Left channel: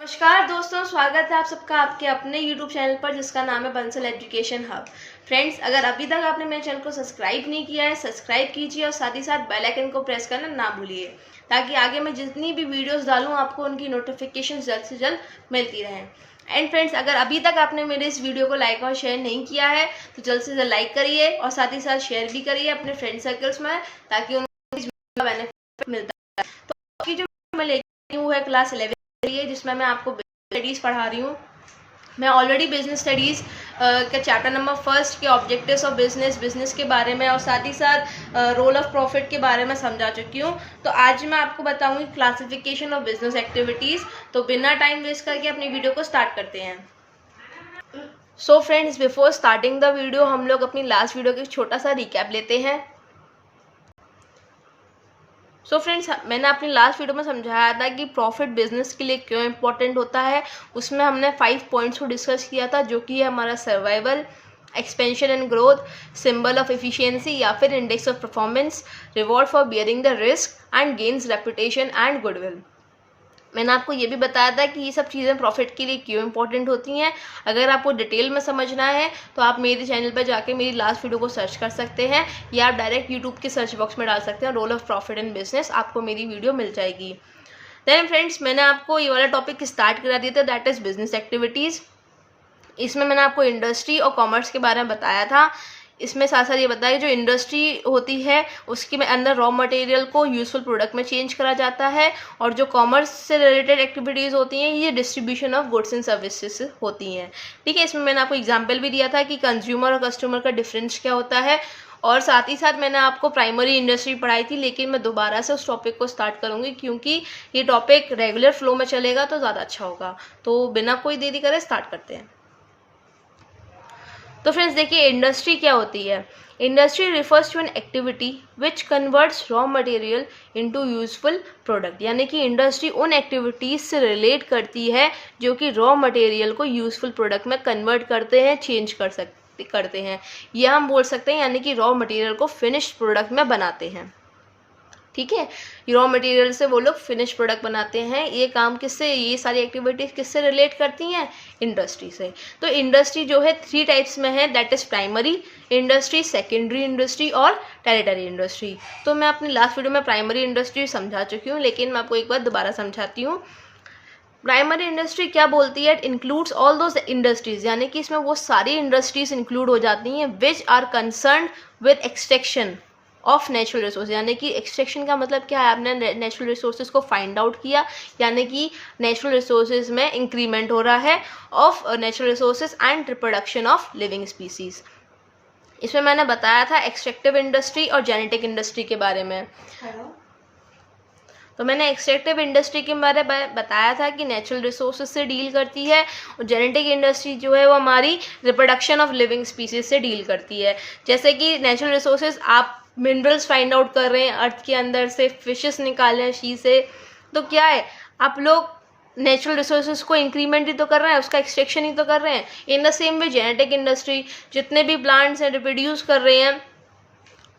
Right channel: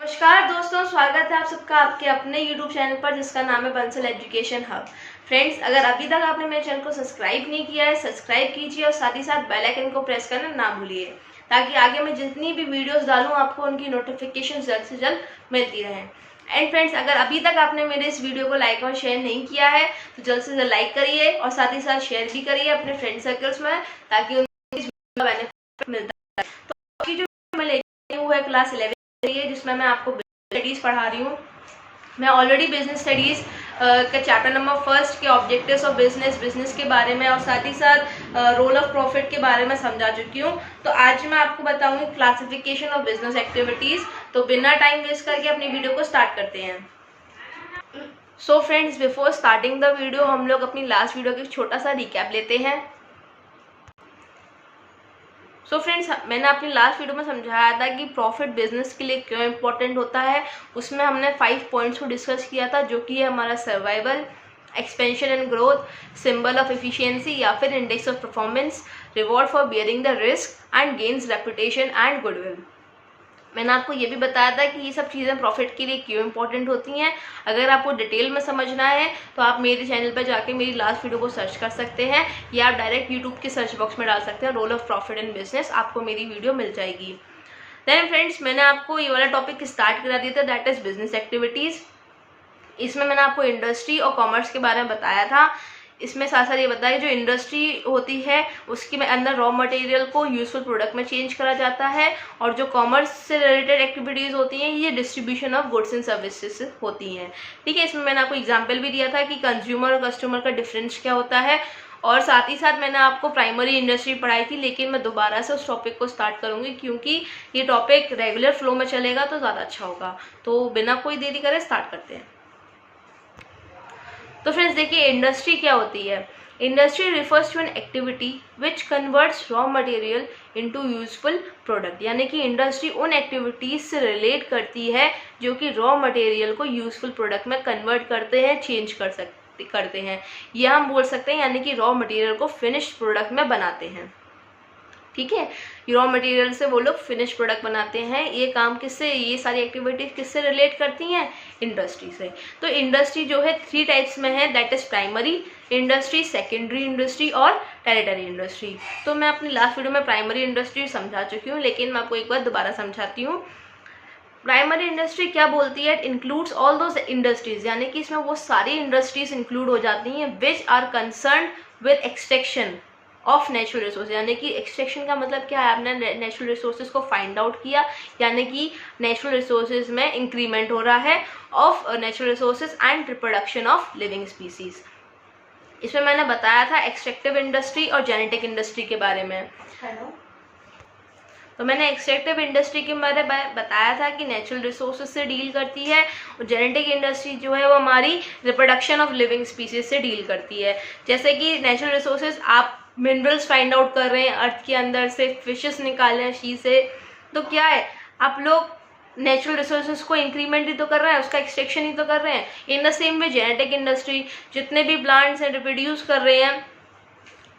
नमस्कार दोस्तों, स्वागत है आप सबका आपके अपने YouTube चैनल पर जिसका नाम है बंसल एजुकेशन हब। फ्रेंड्स, अगर अभी तक आपने मेरे चैनल को सब्सक्राइब नहीं किया है, सब्सक्राइब कीजिए और साथ ही साथ बेल आइकन को प्रेस करना ना भूलिए, ताकि आगे मैं जितनी भी वीडियोस डालूं आपको उनकी नोटिफिकेशन जल्द से जल्द मिलती रहें। एंड फ्रेंड्स, अगर अभी तक आपने मेरे इस वीडियो को लाइक और शेयर नहीं किया है तो जल्द से जल्द लाइक करिए और साथ ही साथ शेयर भी करिए अपने फ्रेंड सर्कल्स में, ताकि उनको इस वीडियो का बेनिफिट मिलता है। तो अभी जो मैं लेके हूँ है क्लास 11 जिसमें मैं आपको स्टडीज़ पढ़ा रही हूँ। मैं ऑलरेडी बिजनेस स्टडीज़ का चैप्टर नंबर 1 के ऑब्जेक्टिव्स ऑफ बिजनेस के बारे में और साथ ही साथ रोल ऑफ प्रॉफिट के बारे में समझा चुकी हूँ। तो आज मैं आपको बताऊंगी क्लासिफिकेशन ऑफ बिजनेस एक्टिविटीज़। तो बिना टाइम वेस्ट करके अपनी वीडियो को स्टार्ट करते हैं। So friends, before starting the video हम लोग अपनी लास्ट वीडियो का छोटा सा रिकैप लेते हैं। सो फ्रेंड्स, मैंने अपनी लास्ट वीडियो में समझाया था कि प्रॉफिट बिजनेस के लिए क्यों इम्पोर्टेंट होता है। उसमें हमने 5 पॉइंट्स को डिस्कस किया था, जो कि है हमारा survival, expansion and growth, symbol of efficiency या फिर index of performance, reward for bearing the risk and gains reputation and goodwill. मैंने आपको ये भी बताया था कि ये सब चीज़ें प्रॉफिट के लिए क्यों इंपॉर्टेंट होती हैं। अगर आपको डिटेल में समझना है तो आप मेरे चैनल पर जाके मेरी लास्ट वीडियो को सर्च कर सकते हैं, या आप डायरेक्ट यूट्यूब के सर्च बॉक्स में डाल सकते हैं role of profit in business, आपको मेरी वीडियो मिल जाएगी। देन फ्रेंड्स, मैंने आपको ये वाला टॉपिक स्टार्ट करा दिया था, दैट इज़ बिजनेस एक्टिविटीज़। इसमें मैंने आपको इंडस्ट्री और कॉमर्स के बारे में बताया था। इसमें साथ साथ ये बताया जो इंडस्ट्री होती है उसके में अंदर रॉ मटेरियल को यूजफुल प्रोडक्ट में चेंज करा जाता है, और जो कॉमर्स से रिलेटेड एक्टिविटीज़ होती हैं ये distribution of goods and services होती हैं। ठीक है, इसमें मैंने आपको एग्जांपल भी दिया था कि कंज्यूमर और कस्टमर का डिफरेंस क्या होता है, और साथ ही साथ मैंने आपको प्राइमरी इंडस्ट्री पढ़ाई थी, लेकिन मैं दोबारा से उस टॉपिक को स्टार्ट करूँगी क्योंकि ये टॉपिक रेगुलर फ्लो में चलेगा तो ज़्यादा अच्छा होगा। तो बिना कोई देरी करे स्टार्ट करते हैं। तो फ्रेंड्स देखिए, इंडस्ट्री क्या होती है। Industry refers to an activity which converts raw material into useful product, यानी कि इंडस्ट्री उन एक्टिविटीज से रिलेट करती है जो कि रॉ मटेरियल को यूजफुल प्रोडक्ट में कन्वर्ट करते हैं, चेंज करते हैं, या हम बोल सकते हैं यानी कि रॉ मटेरियल को फिनिश्ड प्रोडक्ट में बनाते हैं। ठीक है, रॉ मटेरियल से वो लोग फिनिश प्रोडक्ट बनाते हैं। ये काम किससे, ये सारी एक्टिविटीज किससे रिलेट करती हैं, इंडस्ट्री से। तो इंडस्ट्री जो है 3 टाइप्स में है, that is primary industry, secondary industry और टेरिटरी इंडस्ट्री। तो मैं अपनी लास्ट वीडियो में प्राइमरी इंडस्ट्री समझा चुकी हूँ, लेकिन मैं आपको एक बार दोबारा समझाती हूँ। प्राइमरी इंडस्ट्री क्या बोलती है, it includes all those industries, यानी कि इसमें वो सारी इंडस्ट्रीज इंक्लूड हो जाती हैं which are concern with extraction of natural resource, यानी कि एक्सट्रैक्शन का मतलब क्या है, आपने नेचुरल रिसोर्सेज को फाइंड आउट किया, यानी कि नेचुरल रिसोर्सेज में इंक्रीमेंट हो रहा है of natural resources and reproduction of living species. इसमें मैंने बताया था एक्सट्रैक्टिव इंडस्ट्री और जेनेटिक इंडस्ट्री के बारे में। तो मैंने एक्सट्रैक्टिव इंडस्ट्री के बारे में बताया था कि नेचुरल रिसोर्सेज से डील करती है, और जेनेटिक इंडस्ट्री जो है वो हमारी रिप्रोडक्शन ऑफ लिविंग स्पीसीज से डील करती है। जैसे कि नेचुरल रिसोर्सेज, आप मिनरल्स फाइंड आउट कर रहे हैं अर्थ के अंदर से, फिशेस निकाल रहे हैं शी से, तो क्या है, आप लोग नेचुरल रिसोर्सेज को इंक्रीमेंट ही तो कर रहे हैं, उसका एक्सट्रैक्शन ही तो कर रहे हैं। In the same way genetic industry, जितने भी प्लांट्स हैं रिप्रोड्यूस कर रहे हैं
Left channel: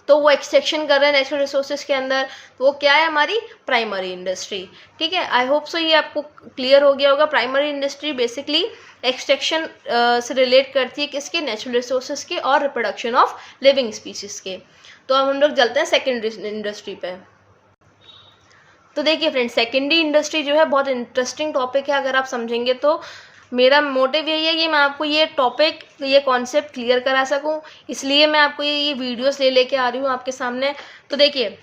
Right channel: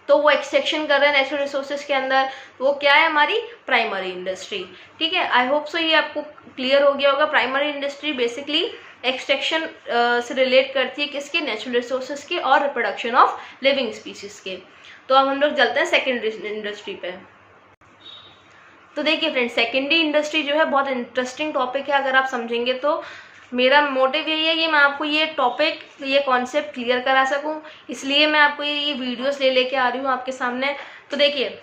तो वो एक्सट्रैक्शन कर रहे हैं नेचुरल रिसोर्सेज के अंदर, वो क्या है, हमारी प्राइमरी इंडस्ट्री। ठीक है, आई होप सो ये आपको क्लियर हो गया होगा। प्राइमरी इंडस्ट्री बेसिकली एक्सट्रैक्शन से रिलेट करती है किसके, नेचुरल रिसोर्सेज के और रिप्रोडक्शन ऑफ लिविंग स्पीसीज के। तो अब हम लोग चलते हैं सेकेंडरी इंडस्ट्री पे। तो देखिए फ्रेंड्स, सेकेंडरी इंडस्ट्री जो है बहुत इंटरेस्टिंग टॉपिक है। अगर आप समझेंगे तो मेरा मोटिव यही है कि मैं आपको ये टॉपिक, ये कॉन्सेप्ट क्लियर करा सकूं, इसलिए मैं आपको ये वीडियोस लेके आ रही हूँ आपके सामने। तो देखिए,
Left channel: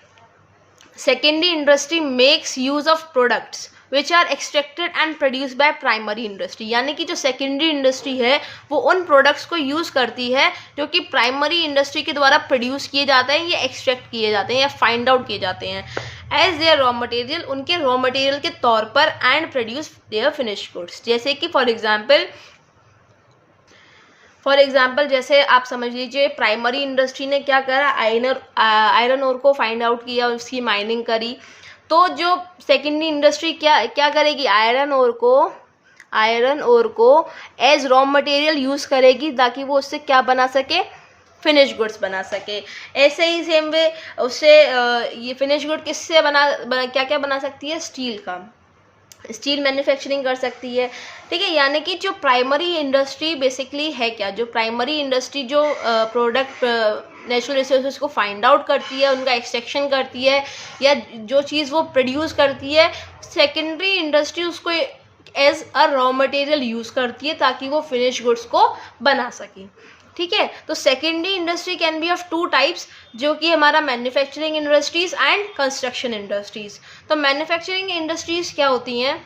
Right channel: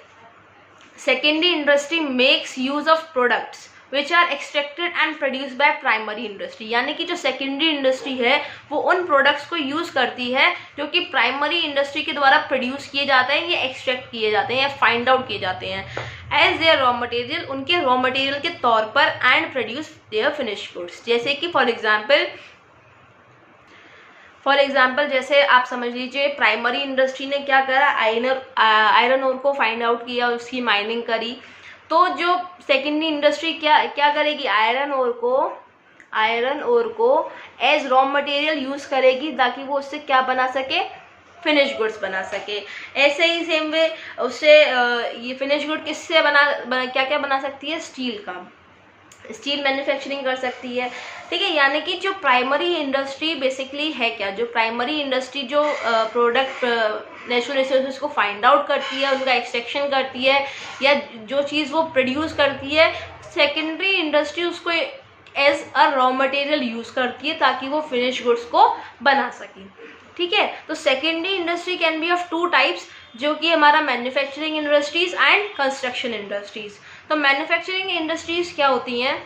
secondary industry makes use of products which are extracted and produce by primary industry, यानी कि जो सेकेंडरी इंडस्ट्री है वो उन प्रोडक्ट्स को यूज करती है जो कि प्राइमरी इंडस्ट्री के द्वारा प्रोड्यूस किए जाते हैं, या एक्सट्रैक्ट किए जाते हैं, या फाइंड आउट किए जाते हैं एज देयर रॉ मटेरियल, उनके रॉ मटेरियल के तौर पर, and produce their finish goods. जैसे कि फॉर एग्जाम्पल जैसे आप समझ लीजिए, प्राइमरी इंडस्ट्री ने क्या करा, आयरन ओर को फाइंड आउट किया, उसकी माइनिंग करी। तो जो सेकेंडरी इंडस्ट्री क्या करेगी, आयरन ओर को एज रॉ मटेरियल यूज करेगी, ताकि वो उससे क्या बना सके, फिनिश गुड्स बना सके। ऐसे ही सेम वे उससे ये फिनिश गुड किससे क्या क्या बना सकती है, स्टील का। स्टील मैन्युफैक्चरिंग कर सकती है, ठीक है। यानी कि जो प्राइमरी इंडस्ट्री बेसिकली है क्या, जो प्राइमरी इंडस्ट्री जो प्रोडक्ट नेचुरल रिसोर्सेज को फाइंड आउट करती है, उनका एक्सट्रैक्शन करती है, या जो चीज़ वो प्रोड्यूस करती है, सेकेंडरी इंडस्ट्री उसको as a raw material use करती है ताकि वो फिनिश गुड्स को बना सके, ठीक है। तो secondary industry can be of two types, जो कि हमारा manufacturing industries and construction industries. तो मैन्युफैक्चरिंग इंडस्ट्रीज क्या होती हैं,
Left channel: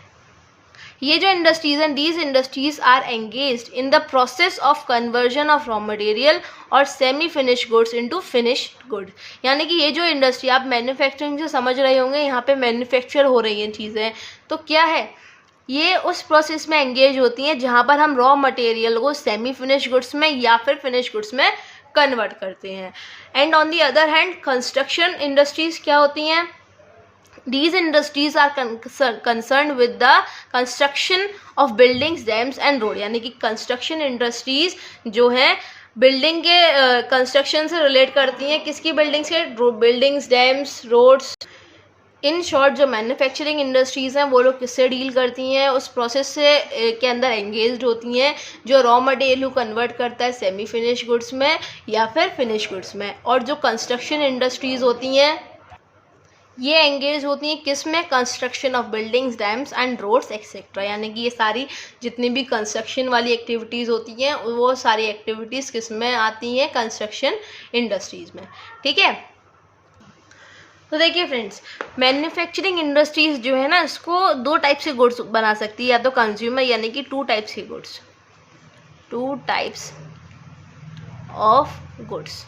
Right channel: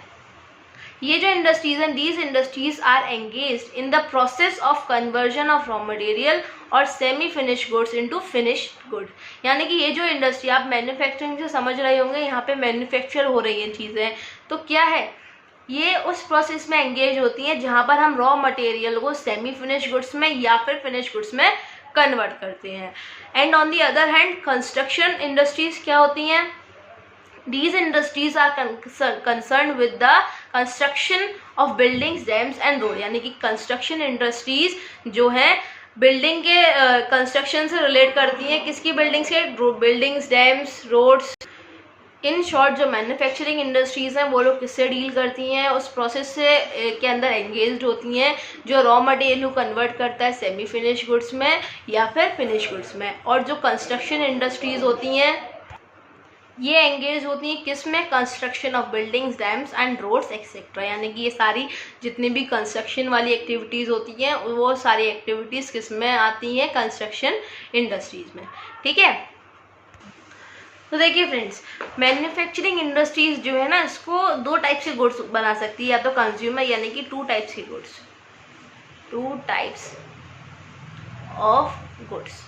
ये जो इंडस्ट्रीज हैं, these industries are engaged in the process of conversion of raw material और semi finish goods into finished good. यानी कि ये जो इंडस्ट्री, आप मैन्युफैक्चरिंग से समझ रहे होंगे, यहाँ पे मैन्युफैक्चर हो रही हैं चीज़ें, तो क्या है, ये उस प्रोसेस में एंगेज होती हैं जहाँ पर हम रॉ मटेरियल को सेमी फिनिश गुड्स में या फिर फिनिश गुड्स में कन्वर्ट करते हैं। And on the other hand construction industries क्या होती हैं, these industries are concerned with the construction of buildings, dams and road। यानी कि कंस्ट्रक्शन इंडस्ट्रीज जो है बिल्डिंग के कंस्ट्रक्शन से रिलेट करती हैं, किसकी बिल्डिंग्स के, buildings, dams, roads. In short जो मैन्युफैक्चरिंग इंडस्ट्रीज़ हैं वो लोग किससे डील करती हैं, उस प्रोसेस से के अंदर एंगेज्ड होती हैं जो रॉ मटेरियल को कन्वर्ट करता है सेमी फिनिश गुड्स में या फिर फिनिश गुड्स में। और जो कंस्ट्रक्शन इंडस्ट्रीज़ होती हैं ये एंगेज होती हैं किस में, construction of buildings, dams and roads etcetera. यानी कि ये सारी जितनी भी कंस्ट्रक्शन वाली एक्टिविटीज़ होती हैं वो सारी एक्टिविटीज़ किस में आती हैं, कंस्ट्रक्शन इंडस्ट्रीज़ में, ठीक है। तो देखिए फ्रेंड्स, मैन्युफैक्चरिंग इंडस्ट्रीज जो है ना, इसको दो टाइप से गुड्स बना सकती है, या तो कंज्यूमर यानी कि टू टाइप्स के goods, two types of goods,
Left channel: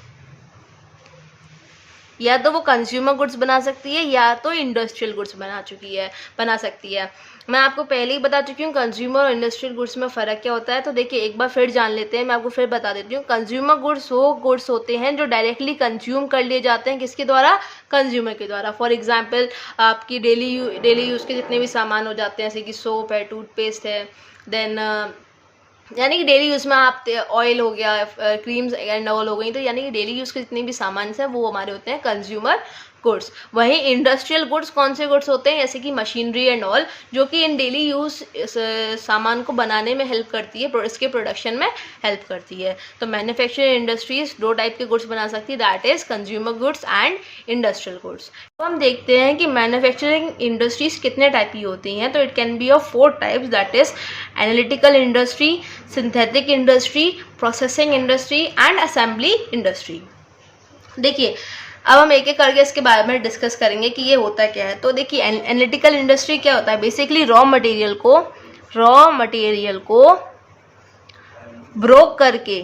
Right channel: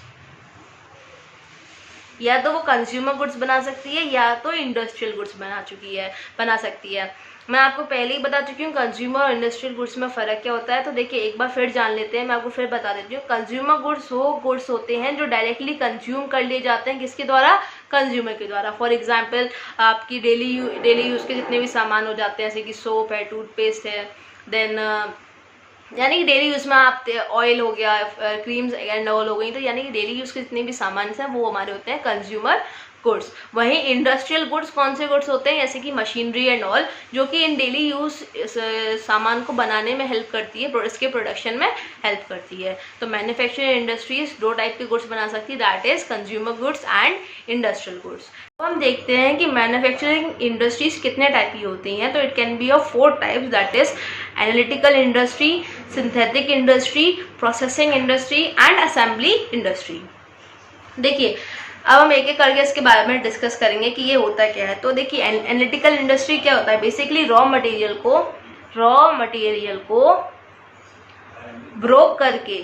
या तो वो कंज्यूमर गुड्स बना सकती है या तो इंडस्ट्रियल गुड्स बना सकती है। मैं आपको पहले ही बता चुकी हूँ कंज्यूमर और इंडस्ट्रियल गुड्स में फ़र्क क्या होता है। तो देखिए एक बार फिर जान लेते हैं, मैं आपको फिर बता देती हूँ। कंज्यूमर गुड्स वो गुड्स होते हैं जो डायरेक्टली कंज्यूम कर लिए जाते हैं, किसके द्वारा, कंज्यूमर के द्वारा। फॉर एग्जांपल आपकी डेली यूज़ के जितने भी सामान हो जाते हैं, जैसे कि सोप है, टूथपेस्ट है, देन यानी कि डेली यूज़ में आप ऑयल हो गया, क्रीम्स एंड ऑल हो गई, तो यानी कि डेली यूज़ के जितने भी सामान हैं वो हमारे होते हैं कंज्यूमर गुड्स। वहीं इंडस्ट्रियल गुड्स कौन से गुड्स होते हैं, जैसे कि मशीनरी एंड ऑल, जो कि इन डेली यूज सामान को बनाने में हेल्प करती है, इसके प्रोडक्शन में हेल्प करती है। तो मैन्युफैक्चरिंग इंडस्ट्रीज दो टाइप के गुड्स बना सकती है, that is consumer goods and industrial goods. तो हम देखते हैं कि मैन्युफैक्चरिंग इंडस्ट्रीज कितने टाइप की होती हैं। तो it can be of 4 types, that is analytical industry, synthetic industry, processing industry and assembly industry. देखिए अब हम एक एक करके इसके बारे में डिस्कस करेंगे कि ये होता क्या है। तो देखिए एनालिटिकल इंडस्ट्री क्या होता है, बेसिकली रॉ मटेरियल को ब्रोक करके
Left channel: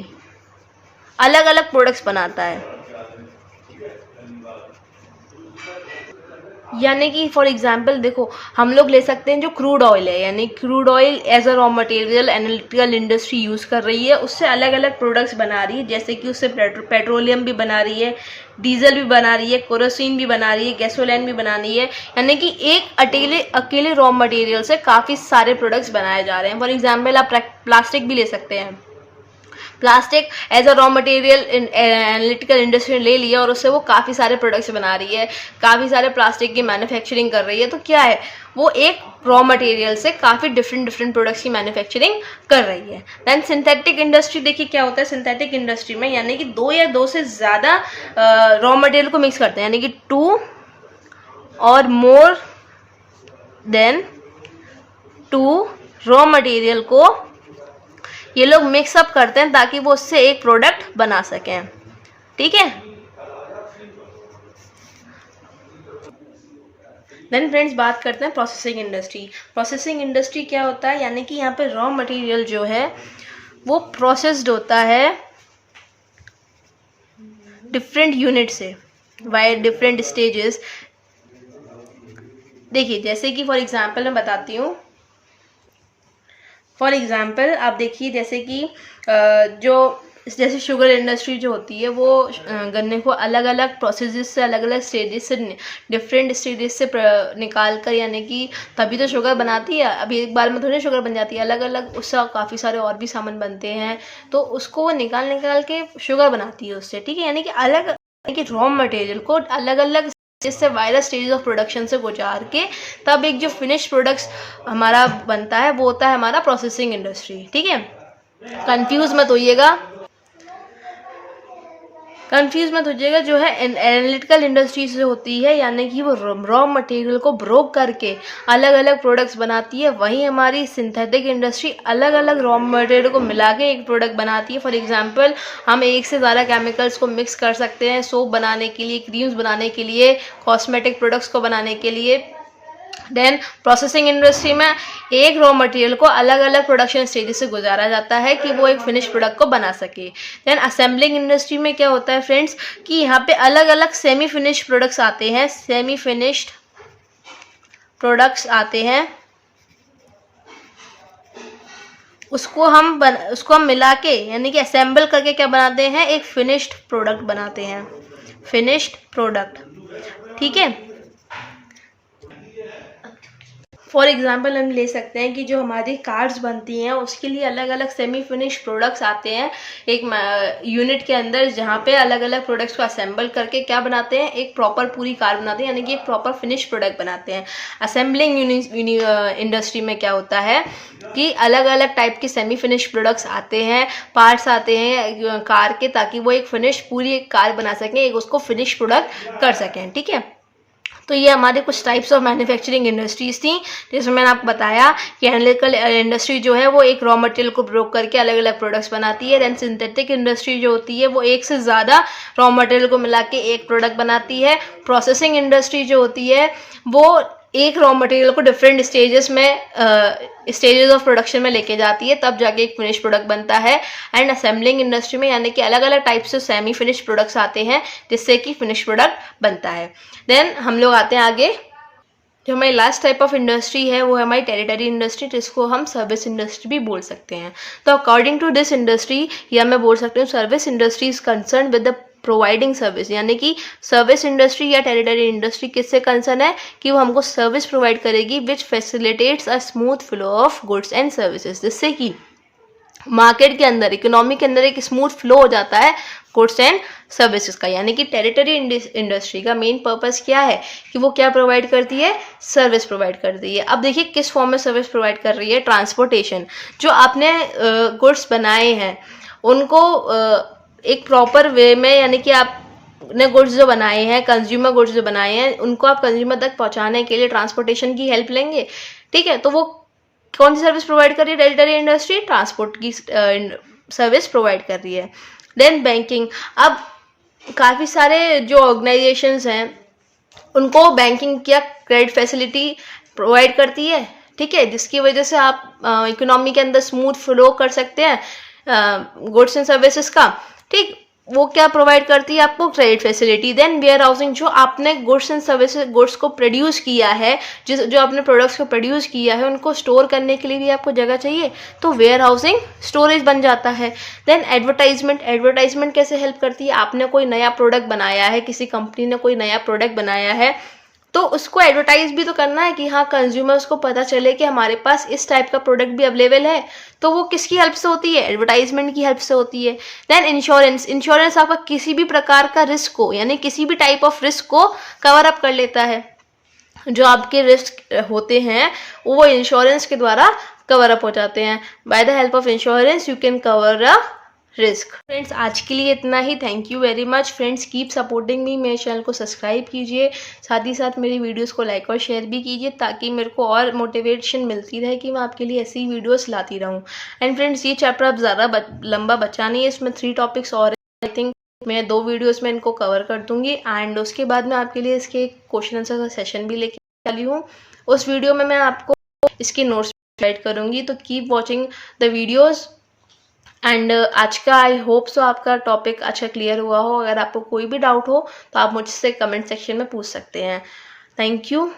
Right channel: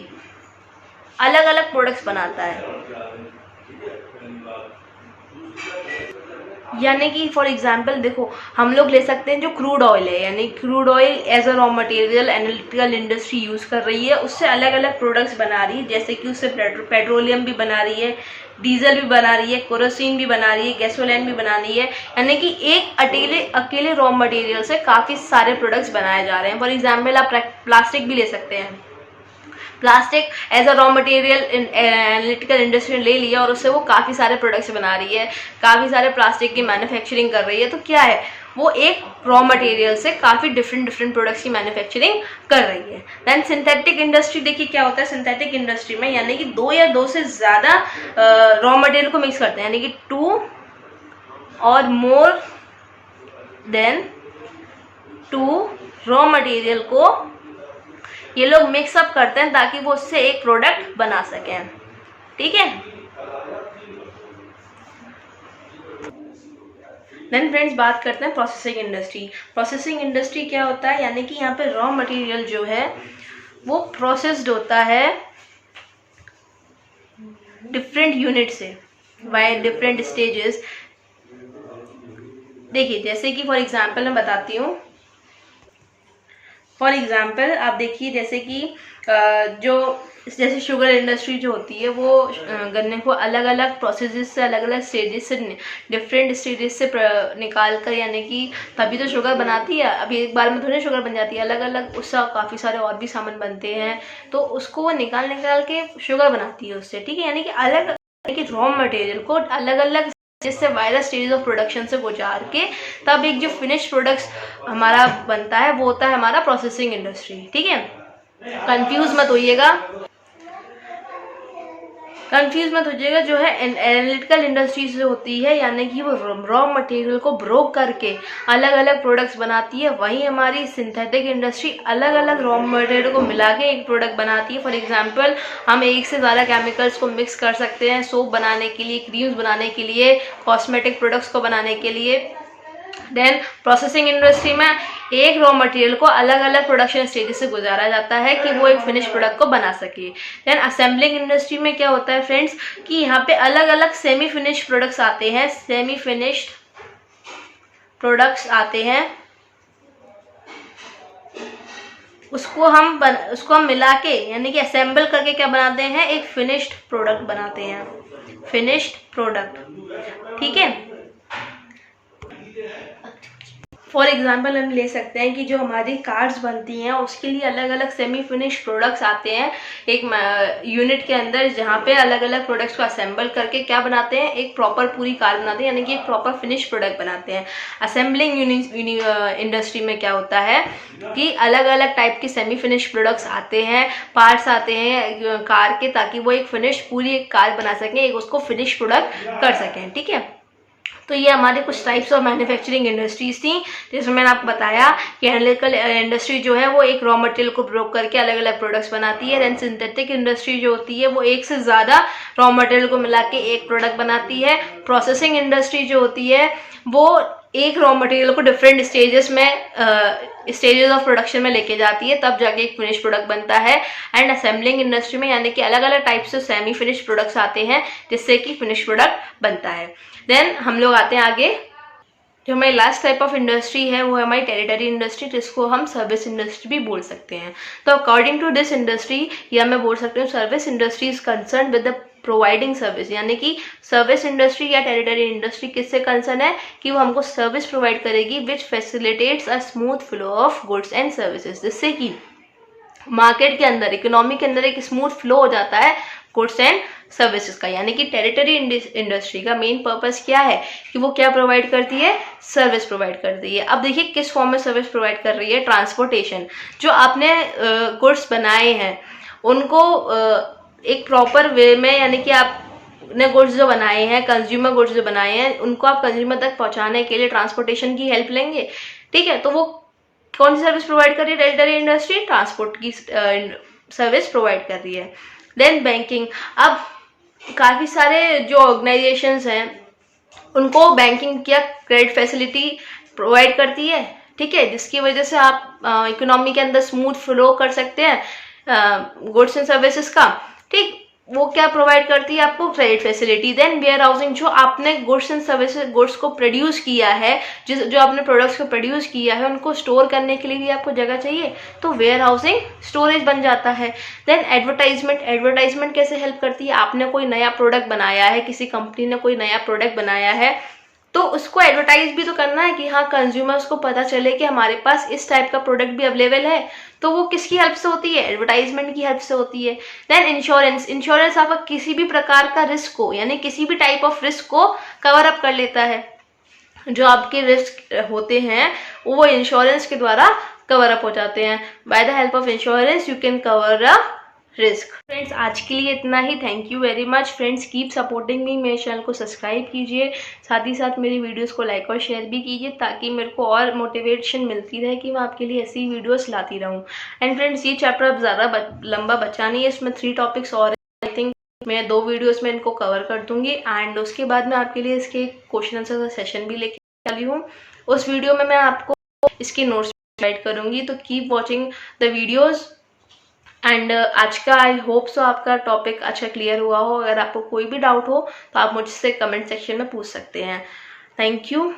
अलग अलग प्रोडक्ट्स बनाता है। यानी कि फॉर एग्जांपल देखो हम लोग ले सकते हैं जो क्रूड ऑयल है, यानी crude oil as a raw material analytical industry use कर रही है, उससे अलग अलग प्रोडक्ट्स बना रही है, जैसे कि उससे पेट्रोलियम भी बना रही है, डीजल भी बना रही है, केरोसिन भी बना रही है, गैसोलीन भी बना रही है। यानी कि एक अकेले रॉ मटेरियल से काफ़ी सारे प्रोडक्ट्स बनाए जा रहे हैं। फॉर एग्जाम्पल आप प्लास्टिक भी ले सकते हैं, plastic as a raw material analytical industry ले लिया और उससे वो काफ़ी सारे प्रोडक्ट्स बना रही है, काफ़ी सारे प्लास्टिक की मैन्युफैक्चरिंग कर रही है। तो क्या है, वो एक रॉ मटेरियल से काफ़ी डिफरेंट प्रोडक्ट्स की मैन्युफैक्चरिंग कर रही है। दैन सिंथेटिक इंडस्ट्री, देखिए क्या होता है सिंथेटिक इंडस्ट्री में, यानी कि 2 या 2 से ज़्यादा रॉ मटेरियल को मिक्स करते हैं, यानी कि 2 और मोर देन 2 रॉ मटेरियल को ये लोग मिक्सअप करते हैं ताकि वो उससे एक प्रोडक्ट बना सकें, ठीक है। देन फ्रेंड्स बात करते हैं प्रोसेसिंग इंडस्ट्री। प्रोसेसिंग इंडस्ट्री क्या होता है, यानी कि यहाँ पे रॉ मटेरियल जो है वो प्रोसेस्ड होता है डिफरेंट यूनिट से बाय डिफरेंट स्टेजेस। देखिए जैसे कि फॉर एग्जांपल मैं बताती हूँ, फॉर एग्जाम्पल आप देखिए जैसे कि जैसे शुगर इंडस्ट्री जो होती है वो गन्ने को अलग अलग प्रोसेसेस से, अलग अलग स्टेजेस से, डिफरेंट स्टेजेस से निकाल कर, यानी कि तभी तो शुगर बनाती है, अभी एक बार में थोड़ी शुगर बन जाती है, अलग अलग उससे काफ़ी सारे और भी सामान बनते हैं, तो उसको वो निकाल के शुगर बनाती है उससे, ठीक है। यानी कि अलग रॉ मटेरियल को अलग अलग जिससे वायरस स्टेज ऑफ प्रोडक्शन से गुजार के तब एक जो फिनिश प्रोडक्ट्स हमारा बनता है वो होता है हमारा प्रोसेसिंग इंडस्ट्री। ठीक है, कंफ्यूज मत होइएगा, जो है एनालिटिकल इंडस्ट्रीज जो होती है यानी कि वो रॉ मटेरियल को ब्रोक करके अलग अलग प्रोडक्ट्स बनाती है, वहीं हमारी सिंथेटिक इंडस्ट्री अलग अलग रॉ मटेरियल को मिला के एक प्रोडक्ट बनाती है। फॉर एग्जांपल हम एक से ज़्यादा केमिकल्स को मिक्स कर सकते हैं सोप बनाने के लिए, क्रीम्स बनाने के लिए, कॉस्मेटिक प्रोडक्ट्स को बनाने के लिए। देन प्रोसेसिंग इंडस्ट्री में एक रॉ मटेरियल को अलग अलग प्रोडक्शन स्टेजेस से गुजारा जाता है कि वो एक फिनिश प्रोडक्ट को बना सके। देन असेंबलिंग इंडस्ट्री में क्या होता है फ्रेंड्स कि यहाँ पे अलग अलग सेमी फिनिश प्रोडक्ट्स आते हैं, सेमी फिनिश्ड प्रोडक्ट्स आते हैं, उसको हम मिला के यानी कि असेंबल करके क्या बनाते हैं, एक फिनिश्ड प्रोडक्ट बनाते हैं, फिनिश्ड प्रोडक्ट। ठीक है, फॉर एग्जाम्पल हम ले सकते हैं कि जो हमारी कार्स बनती हैं उसके लिए अलग अलग सेमी फिनिश प्रोडक्ट्स आते हैं एक यूनिट के अंदर, जहाँ पे अलग अलग प्रोडक्ट्स को असेंबल करके क्या बनाते हैं, एक प्रॉपर पूरी कार बनाते हैं, यानी कि एक प्रॉपर फिनिश प्रोडक्ट बनाते हैं। असेंबलिंग इंडस्ट्री में क्या होता है कि अलग अलग टाइप के सेमी फिनिश प्रोडक्ट्स आते हैं, पार्ट्स आते हैं कार के, ताकि वो एक फिनिश पूरी एक कार बना सकें, एक उसको फिनिश प्रोडक्ट कर सकें। ठीक है, तो ये हमारे कुछ टाइप्स ऑफ मैन्युफैक्चरिंग इंडस्ट्रीज थी, जिसमें मैंने आपको बताया कि एनालिटिकल इंडस्ट्री जो है वो एक रॉ मटेरियल को ब्रोक करके अलग अलग प्रोडक्ट्स बनाती है। देन सिंथेटिक इंडस्ट्री जो होती है वो एक से ज़्यादा रॉ मटेरियल को मिला के एक प्रोडक्ट बनाती है। प्रोसेसिंग इंडस्ट्री जो होती है वो एक रॉ मटेरियल को डिफरेंट स्टेजेस ऑफ प्रोडक्शन में लेके जाती है, तब जाके एक फिनिश प्रोडक्ट बनता है। एंड असेंबलिंग इंडस्ट्री में यानी कि अलग अलग टाइप से सेमी फिनिश प्रोडक्ट्स आते हैं जिससे कि फिनिश प्रोडक्ट बनता है। देन हम लोग आते हैं आगे, जो हमारी लास्ट टाइप ऑफ इंडस्ट्री है वो है हमारी टेरिटरी इंडस्ट्री, जिसको हम सर्विस इंडस्ट्री भी बोल सकते हैं। तो अकॉर्डिंग टू दिस इंडस्ट्री या मैं बोल सकती हूँ service industry is concern with the providing service, यानी कि सर्विस इंडस्ट्री या टेरिटरी इंडस्ट्री किससे कंसर्न है कि वो हमको सर्विस प्रोवाइड करेगी which facilitates a smooth flow of goods and services, जिससे कि मार्केट के अंदर, इकोनॉमी के अंदर एक स्मूथ फ्लो हो जाता है गुड्स एंड सर्विसेज का। यानी कि टेरिटरी इंडस्ट्री का मेन पर्पस क्या है कि वो क्या प्रोवाइड करती है, सर्विस प्रोवाइड करती है। अब देखिए किस फॉर्म में सर्विस प्रोवाइड कर रही है, ट्रांसपोर्टेशन। जो आपने गुड्स बनाए हैं उनको एक प्रॉपर वे में, यानी कि आपने गुड्स जो बनाए हैं, कंज्यूमर गुड्स जो बनाए हैं, उनको आप कंज्यूमर तक पहुंचाने के लिए ट्रांसपोर्टेशन की हेल्प लेंगे। ठीक है, तो वो कौन सी सर्विस प्रोवाइड कर रही है, टेरिटरी इंडस्ट्री ट्रांसपोर्ट की सर्विस प्रोवाइड कर रही है। देन बैंकिंग, अब काफ़ी सारे जो ऑर्गेनाइजेशंस हैं उनको बैंकिंग क्या क्रेडिट फैसिलिटी प्रोवाइड करती है। ठीक है, जिसकी वजह से आप इकोनॉमी के अंदर स्मूथ फ्लो कर सकते हैं गुड्स एंड सर्विसेज का। ठीक, वो क्या प्रोवाइड करती है आपको, credit facility. Then warehousing, जो आपने गुड्स एंड सर्विसेज, गुड्स को प्रोड्यूस किया है, जो आपने प्रोडक्ट्स को प्रोड्यूस किया है, उनको स्टोर करने के लिए भी आपको जगह चाहिए, तो वेयर हाउसिंग स्टोरेज बन जाता है। देन एडवर्टाइजमेंट, एडवर्टाइजमेंट कैसे हेल्प करती है, आपने कोई नया प्रोडक्ट बनाया है, किसी कंपनी ने कोई नया प्रोडक्ट बनाया है, तो उसको एडवर्टाइज भी तो करना है कि हाँ कंज्यूमर्स को पता चले कि हमारे पास इस टाइप का प्रोडक्ट भी अवेलेबल है। तो वो किसकी हेल्प से होती है, एडवर्टाइजमेंट की हेल्प से होती है। देन इंश्योरेंस, इंश्योरेंस आपका किसी भी प्रकार का रिस्क को, यानी किसी भी टाइप ऑफ रिस्क को कवर अप कर लेता है। जो आपके रिस्क होते हैं वो इंश्योरेंस के द्वारा कवर अप हो जाते हैं। By the help of insurance you can cover a risk. Friends आज के लिए इतना ही, thank you very much friends, keep supporting me, मेरे चैनल को सब्सक्राइब कीजिए, साथ ही साथ मेरी वीडियोस को लाइक और शेयर भी कीजिए, ताकि मेरे को और मोटिवेशन मिलती रहे कि मैं आपके लिए ऐसी वीडियोस लाती रहूं। एंड फ्रेंड्स ये चैप्टर अब ज़्यादा लंबा बचा नहीं है, इसमें 3 टॉपिक्स और आई थिंक मैं 2 वीडियोस में इनको कवर कर दूंगी। एंड उसके बाद मैं आपके लिए इसके क्वेश्चन आंसर का सेशन भी लेके चली हूँ, उस वीडियो में मैं आपको इसकी नोट्स गाइड करूँगी। तो keep watching the videos. And आज का आई होप सो आपका टॉपिक अच्छा क्लियर हुआ हो। अगर आपको कोई भी डाउट हो तो आप मुझसे कमेंट सेक्शन में पूछ सकते हैं। Thank you.